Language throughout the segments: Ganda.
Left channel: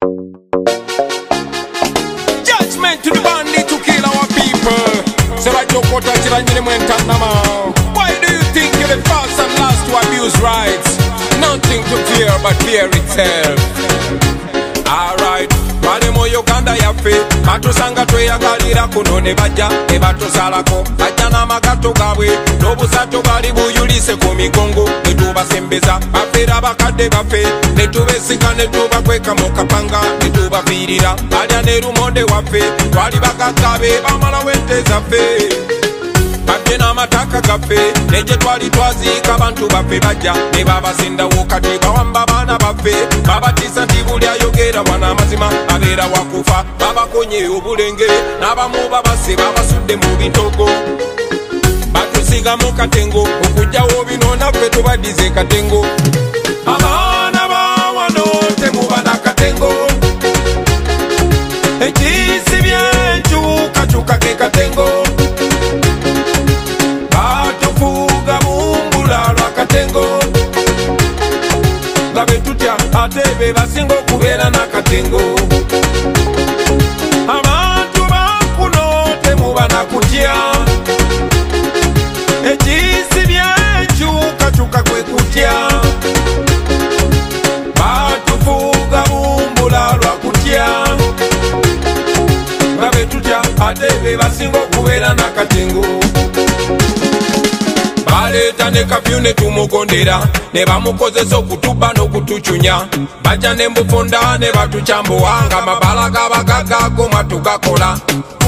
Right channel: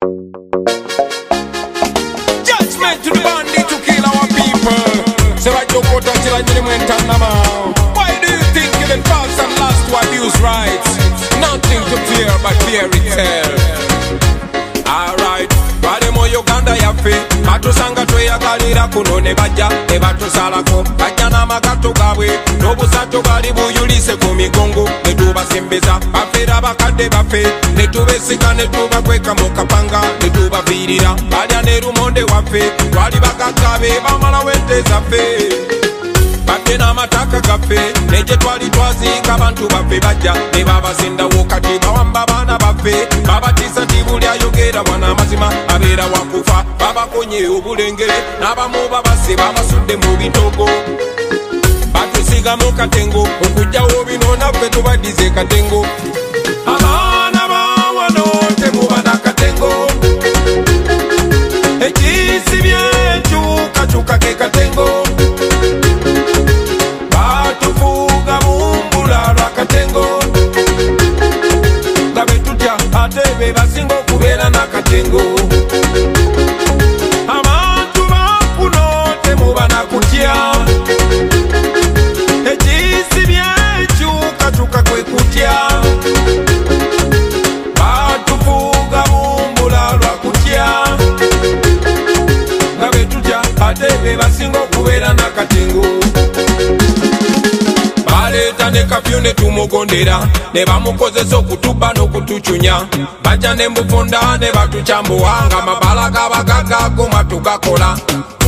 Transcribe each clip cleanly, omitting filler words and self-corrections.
Judgment to the bandit to kill our people. Serajokota chiranyine mwentanama. Why do you think you're the first and last to abuse rights? Nothing to fear but fear itself. Alright, twale mu Uganda yaffe batusanga tweyagalira kuno ne bajja ne batusalako bajja n'amagato gaabwe n'obusato bali buyulise ku migongo ne tubasembeza bafeera bakadde baffe ne tubesika ne tubakweka mu kapanga ne tubaviirira balya ne lumonde waffe twali bagaggabe bamalawo ente zaffe babye n'amataka gaffe ne gye twali twaziika abantu baffe bajja ne babasendawo kati bawamba baana baffe babatiisa nti buli ayogera bwana amazima abeera wakufa babakonye obulenge n'abamu babase babasudde mu bitogo batusiga mu katengo okujjawo bino naffe tubaddize katengo abaana bawano temubana katengo ekisibye enkyukakyuka ke katengo batufuga bumbula lwa katengo nga betutya ate be basinga okubeera n'akatengo abantu bakuno temubana kutya ekisibye enkyukakyuka kwe kutya batufuga bumbula lwa kutya nga betutya ate be basinga okubeera n'akatengo baleeta ne kapyu ne tumugondera ne bamukozesa okutubba n'okutucunya bajja ne mbufunda ne batucambuwa nga mabala gabagagago matugakola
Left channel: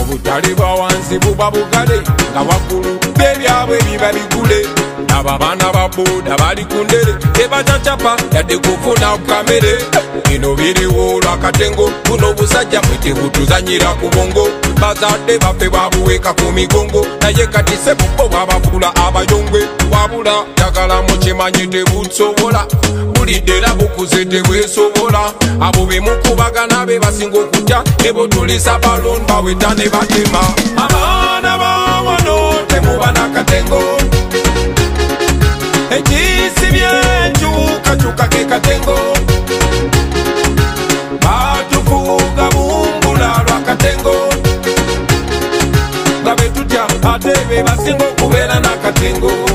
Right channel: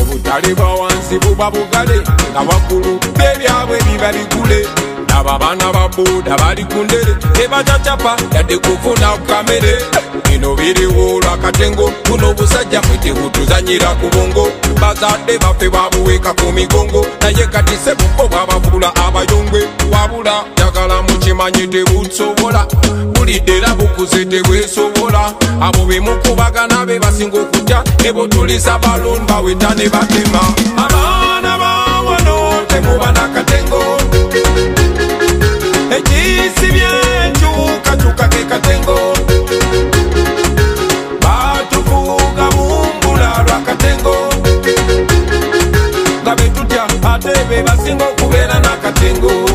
obutale bwa wansi buba bugale nga waggulu b'ebyabwe biba bigule aba baana ba booda bali ku ndere tebacacapa yadde kufuna kamere bino biriwo lwakatengo buno obusajja mwe tebutuzanyira ku bongo bazadde baffe babuweeka ku migongo naye kati sebubbo bwabavula abayongwe wabula jagala mukimanyi tebusobola bulidde era bukuze tebwesobola abo bemukubagana be basinga okutya ne botulisa balon baweta ne batema abaana bawano temubana katengo ekisibye enkyukakyuka ke katengo batufuga bumbula lwa katengo nga betutya ate be basinga okubeera n'akatengo.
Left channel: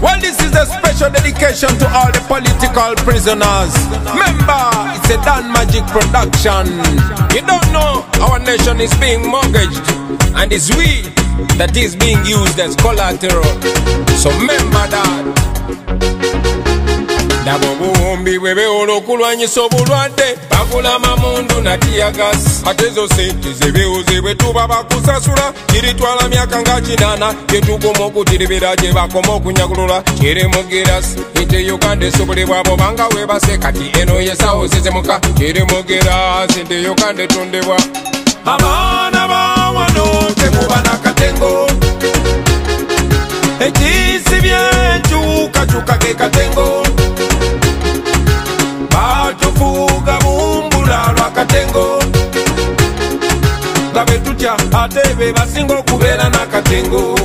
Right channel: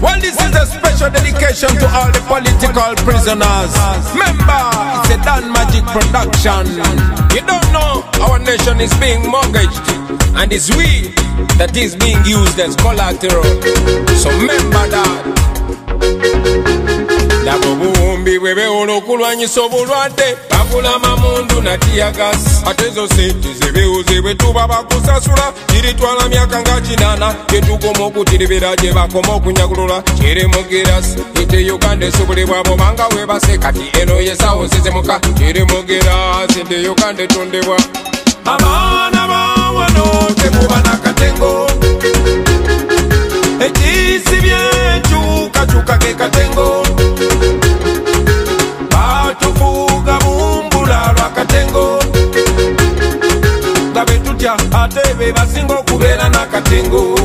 Well, this is a special dedication to all the political prisoners. Remember, it's a Dan Magic production. You don't know our nation is being mortgaged, and it's we that is being used as collateral. So remember that. Nabo buwumbi bwebeola okulwanyisa obulwadde bagula mamundu na tiyagas ate ezo sente zebeoze bwe tuba bakusasula kiritwala myaka nga 8 gyetugoma okutiribira gye bakoma okunyagulula kirimugeras ente Uganda esobole bwabo banga webase kati eno yesawo zezemuka kirimugeras ente Uganda etondebwa abaana bawano temubana katengo ekisibye enkyukakyuka ke katengo batufuga bumbula lwa katengo nga betutya ate be basinga okubeera n'akatengo.